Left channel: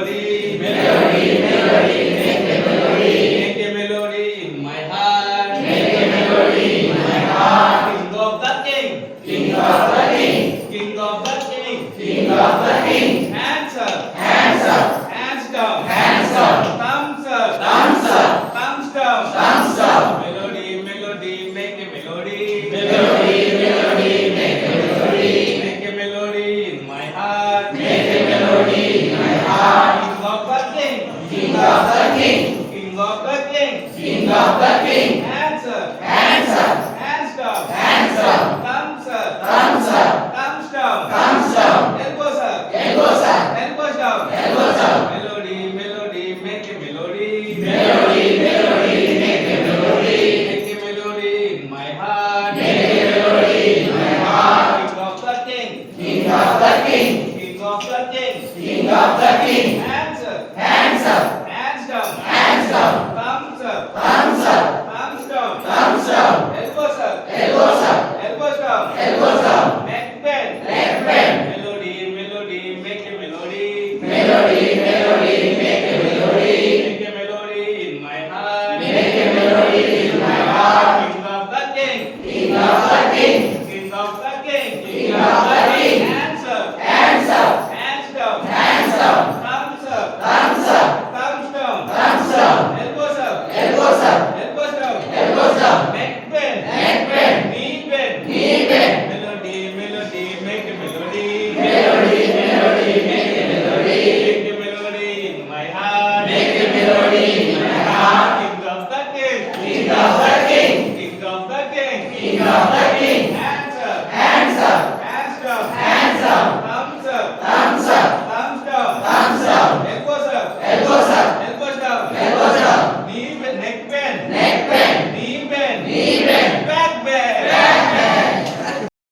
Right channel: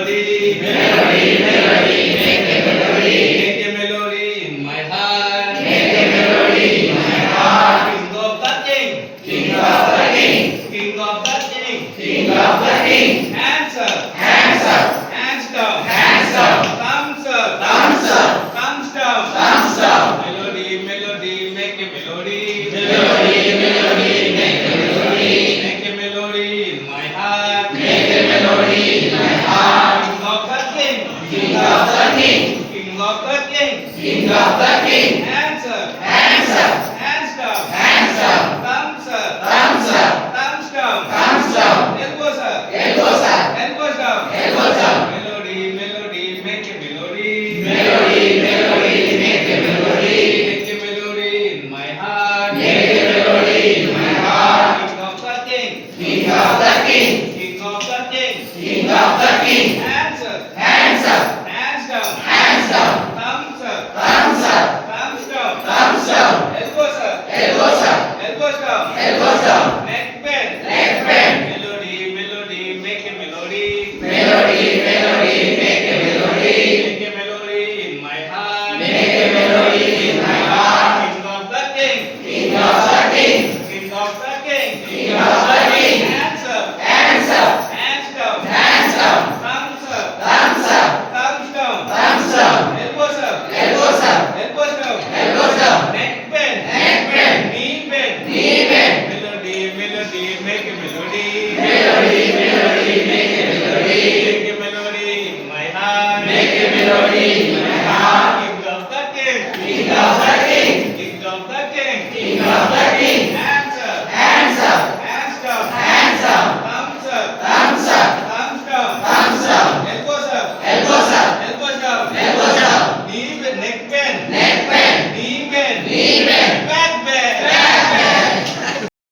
melody, melody, melody, make a melody, make a melody in my heart, make a melody in my heart. King of the king, king of the king, king of the king, king of the king. Hands up, hands up, hands down, hands up, thumbs up, thumbs up, thumbs down, thumbs up. Melody, melody, make a melody, melody, melody, make a melody, make a melody in my heart, make a melody in my heart. King of the king, king of the king, king of the king, king of the king. Hands up, hands up, hands down, hands up, thumbs up, thumbs up, thumbs down, thumbs down. Elbows up, elbows up, elbows down, elbows up. Melody, melody, make a melody, melody, melody, make a melody, make a melody in my heart, make a melody in my heart. King of the king, king of the king, king of the king, king of the king. Hands up, hands up, hands down, hands down, thumbs up, thumbs up, thumbs down, thumbs down. Elbows up, elbows up, elbows down, elbows down. Neck bend, neck bend. Melody, melody, make a melody, melody, melody, make a melody, make a melody in my heart, make a melody in my heart. King of the king, king of the king, king of the king, king of the king. Hands up, hands up, hands down, hands down, thumbs up, thumbs up, thumbs down, thumbs up. Elbows up, elbows up, elbows down, elbows down. Neck bend, neck bend, knee bend, knee bend. Melody, melody, make a melody, melody, melody.